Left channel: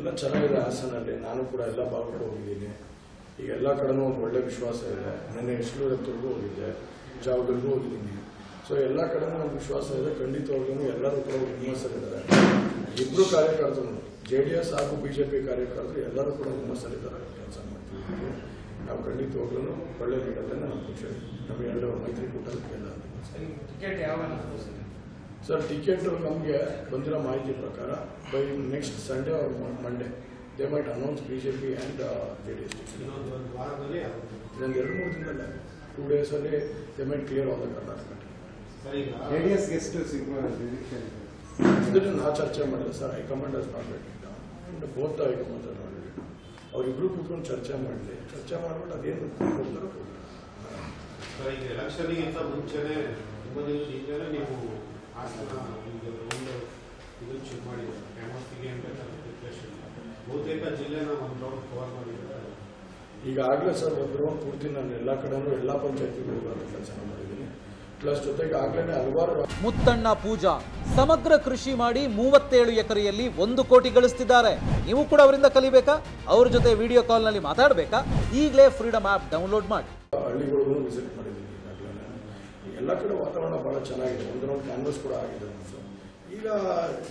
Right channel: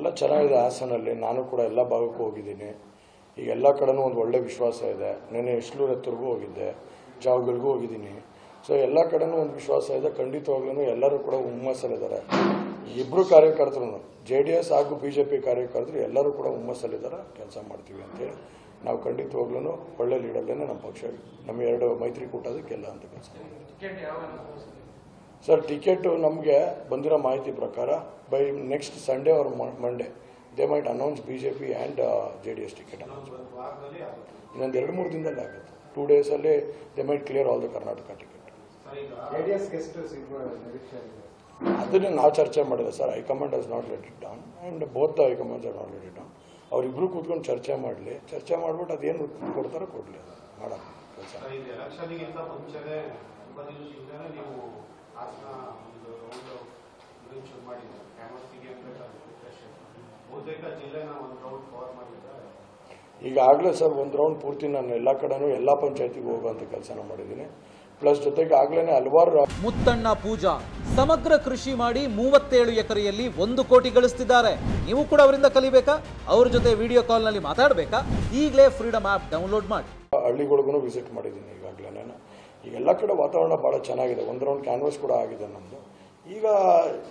ಎಲ್ಲ ಚೆನ್ನಾಗಿದೆ ಹಾಸನಲ್ಲಿ. ನಾನು ಕೂಡ ಎಲ್ಲ ಭಾಗಕ್ಕೂ ಹೋಗಿದ್ದೀನಿ. ಈಗ ಎಲ್ಲ ಕಡೆನೂ ಒಂದು ಒಳ್ಳೆ ವಿಶ್ವಾಸ ಇದೆ. ನೆನ್ನೆ ಇಸ್ಲೂರು ಹತ್ರಗೂ ಹೋಗಿದ್ದೆ, ಜಾವಗಲ್ಗೂ ಹೋಗಿದ್ದೀನಿ. ಸೊ ಎಲ್ಲ ಕಡೆನೂ ಒಂದು ವಿಶ್ವಾಸ ಇದೆ. ಖಂಡಿತವಾಗ್ಲೂ ಎಲ್ಲರೂ ಕೂಡ ಹುಮ್ಮಸ್ಸಲ್ಲಿದ್ದಾರೆ. ಇಬ್ಬರು ಕಾರ್ಯಕರ್ತರು, JDS ಹಾಗೂ BJP ಕಾರ್ಯಕರ್ತರು ಎಲ್ಲರೂ ಕೂಡ ಹುಮ್ಮಸ್ಸಲ್ಲಿದ್ದಾರೆ. ಕೆಲಸ ಮಾಡ್ತೀವಿ ಅಂತೇಳಿ ನಾವು ಖಂಡಿತವಾಗ್ಲೂ ಒಳ್ಳೆ ಲೀಡಲ್ಲೇ ನಮ್ಮ ಪಕ್ಷ, ನಮ್ಮ ಎರಡು ಮೈತ್ರಿಕೂಟದಲ್ಲಿ ಎಲ್ಲ ಅಂತ ಸರ್. ಟಿಕೆಟ್ ನಮಗೆ ಬಂದಿರೋ ಮಾಹಿತಿ ಪ್ರಕಾರ by next Sunday or Monday they might announce BJP and JDS ticket. ಇನ್ನೊಂದು 2-3 ದಿನದಲ್ಲಿ ಆಗುತ್ತೆ. 2 ಡೇಸಲ್ಲಿ they might clear all the Karnataka ticket. ಅದನ್ನೇ ನಾವು ಚರ್ಚೆ ಮಾಡಿದ್ರೆ sir. High command has not let it down and both the high commands are not let it down. ಅವರಿಬ್ಬರು ಕೂತ್ಕೊಂಡು ಚರ್ಚೆ ಮಾಡಲಿ. ಚರ್ಚೆ ಮಾಡ್ಬಿಟ್ಟು ಅದೇನು ಕೊಡ್ತಾರೋ ಕೊಡಲಿ, ಮಾಡೋಣ. ಈಗಾಗಲೇ ಸರ್ ಒಂದು ರೌಂಡ್ ಪೂರ್ತಿ ನಾನು ಎಲ್ಲ ಕಡೆನೂ ಎಲ್ಲ ಪಂಚಾಯತಿಗೂ ಹೋಗುವಂಥ ಕೆಲಸ ಮಾಡಿದ್ದೀನಿ. ಪ್ಲಸ್ ಜೊತೆಗೆ ಆಗ್ಲೇ ಹಲವಾರು. ಮುತ್ತಣ್ಣ ಪೂಜಾ ಸಮಗ್ರ ಕೃಷಿ ಮಾಡಿ 37 ಎಕರೆಯಲ್ಲಿ 1 ಕೋಟಿ ಗಳಿಸ್ತಿದ್ದಾರೆ. ನೀವು ಕೂಡ ಅವರಿಂದ ಕಲಿಬೇಕಾ? ಅವ್ರ ಜೊತೆ ವಿಡಿಯೋ ಕಾಲ್ನಲ್ಲಿ ಮಾತಾಡಬೇಕಾ? ಈಗಲೇ ಫ್ರೀಡಮ್ ಆ್ಯಪ್ ಡೌನ್ಲೋಡ್ ಮಾಡಿ. ಹಳ್ಳಿಗಳಿಗೂ ವಿಸಿಟ್ ಮಾಡಿದ್ದೀನಿ ಈಗಾಗಲೇ. ಈಗ ಎಲ್ಲ ಕಡೆ ವಾತಾವರಣ ಭಾಳ ಚೆನ್ನಾಗಿದೆ. ಒಂದು ರೌಂಡ್ ಕ್ಯಾನ್ವಸ್ ಕೂಡ ಆಗಿದೆ ನಮ್ಮದು. ಈಗ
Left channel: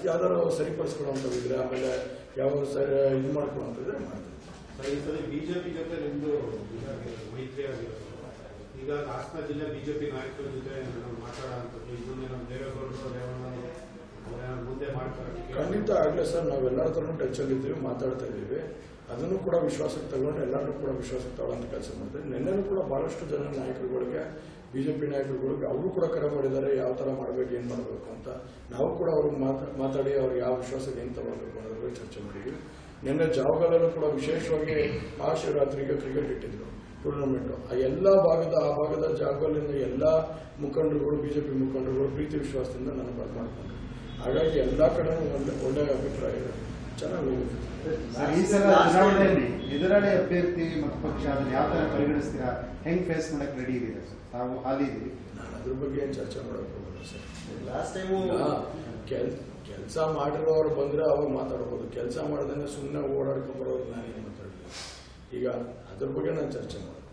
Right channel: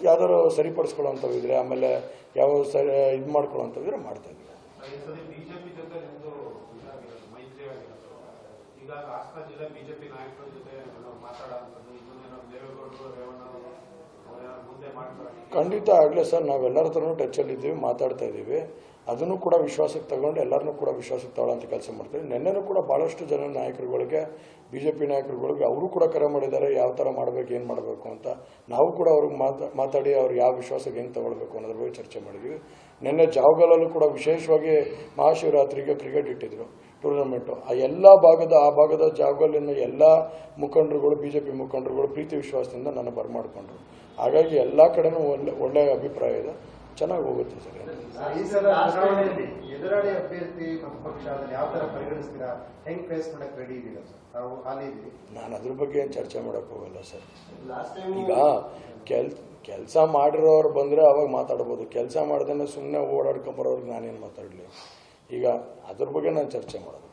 ಯಾವ್ದಾದ್ರು ಸರಿಪಡಿಸ್ಕೊಳ್ಳೋಂಥವಿದ್ರೆ, ಆಮೇಲೆ ಯಾವ ಸರಿ ಇದು ಮಾಡ್ಕೊಳ್ಳೋಂಥವಿದ್ರೆ ಮಾಡ್ತಾ ಇದ್ದೀವಿ. ಬಿಜೆಪಿ ಜೊತೆ ನಿಮ್ಮದು ಮೈತ್ರಿ ಆಗಿರೋದು, ಈಗ ಹಾಸನ ಜಿಲ್ಲೆ ಬಿಜೆಪಿ ನಾಯಕರ ಜೊತೆ ಮಾತಾಡೋಂಥದ್ದು, ಇದನ್ನೇನೋ ದೇವೇಗೌಡರು ರೇವಣ್ಣ ಮುಂದೆ ಮಾಡ್ತಾರೆ? ಖಂಡಿತ ಆಗಲೇ ಸರ್. ನಾವೆಲ್ಲರ ಹತ್ರನೂ ಟಚ್ಚಲ್ಲಿದ್ದೀವಿ, ಮಾತಾಡ್ತಾ ಇದ್ದೀವಿ. ಅದನ್ನು ಕೂಡ ವಿಶ್ವಾಸಕ್ಕೆ ತಗೊಂಡು ಎಲ್ಲರನ್ನೂ ಕೂಡ ವಿಶ್ವಾಸಕ್ಕೆ ತಗೊಳ್ಳೋಂಥ ಕೆಲಸ ಮಾಡ್ತೀವಿ. ನಿನ್ನೆನೂ ಕೂಡ ಭಾಳಷ್ಟು ಜನ ನಾಯಕರುಗಳಿಗೆ, BJP ನಾಯಕರುಗಳಿಗೆ ಅವರು ಕೂಡ ಕರೆ ಮಾಡಿದ್ದಾರೆ, ಯಾವ ಥರ ಮಾಡಬೇಕು, ಏನು ಮಾಡಬೇಕು ಅಂತ. ನಾವು ಕೂಡ ಅವ್ರಿಗೆ ಮಾತಾಡಿ ಅವ್ರಿಗೆ ಯಾವ ವಿಶ್ವಾಸಕ್ಕೆ ಏನು ತಗೊಳ್ಬೇಕು ಅನ್ನೋದ್ರ ಬಗ್ಗೆ ಚರ್ಚೆ ಮಾಡಿದ್ವಿ. ನಿನ್ನೆ ಜಾವಗಲಲ್ಲೂ ಕೂಡ ವಿಶೇಷವಾಗಿ ಮಹಾಶಿವರಾತ್ರಿಗೆ ಕ್ರಿಕೆಟ್ ಇಟ್ಟಿದ್ರು ಟೂರ್ನಮೆಂಟು. ಆ ಭಾಗದ ಜಾವಗಲ್ಲಿನ ಎಲ್ಲ ಮುಖಂಡರುಗಳು, BJP ಮುಖಂಡರುಗಳು ಪ್ರೀತಿ ವಿಶ್ವಾಸದಿಂದ ನನ್ನ ಬರಮಾಡಿಕೊಂಡ್ರು. ಹಾಗಾಗಿ ಎಲ್ಲ ಕಡೆನೂ ಒಳ್ಳೆಯ ಅಭಿಪ್ರಾಯ ಇದೆ, ಚೆನ್ನಾಗಿ ಹೋಗುತ್ತೆ. ಎದುರಾಳಿ ಅಭ್ಯರ್ಥಿ ಮತ್ತು ಪಕ್ಷ ಅದನ್ನು ಯಾವ ಥರ ಪರಿಗಣಿಸ್ತೀರಾ? ಹೆಂಗೆ ಫೇಸ್ ಮಾಡಕ್ಕೆ ರೆಡಿ ಇದೀರಾ ಸರ್? ತಾವು ಹಾಲಿ ಇದೀವಿ. ನಾನು ಅದ್ರ ಬಗ್ಗೆ ಏನು ಚರ್ಚೆ ಮಾಡೋಕ್ಕೆ ಹೋಗಲ್ಲ ಸರ್. ಈಗ ಕೆಲಸ ಮಾಡಿರೋರು ಬಂದರೆ ಅವಾಗ ಮಾತಾಡ್ಬೋದು. ಕೆಲಸ ಮಾಡ್ದೇ ಸುಮ್ಮನೆ ಓಡಾಡ್ಕೊಂಬರೋರಿಗೆ ನಾನೇನು ಮಾತಾಡಲಿ? ಈಗ ಅದ್ರ ಬಗ್ಗೆ ನಾನು ಚರ್ಚೆ ಮಾಡೋದು.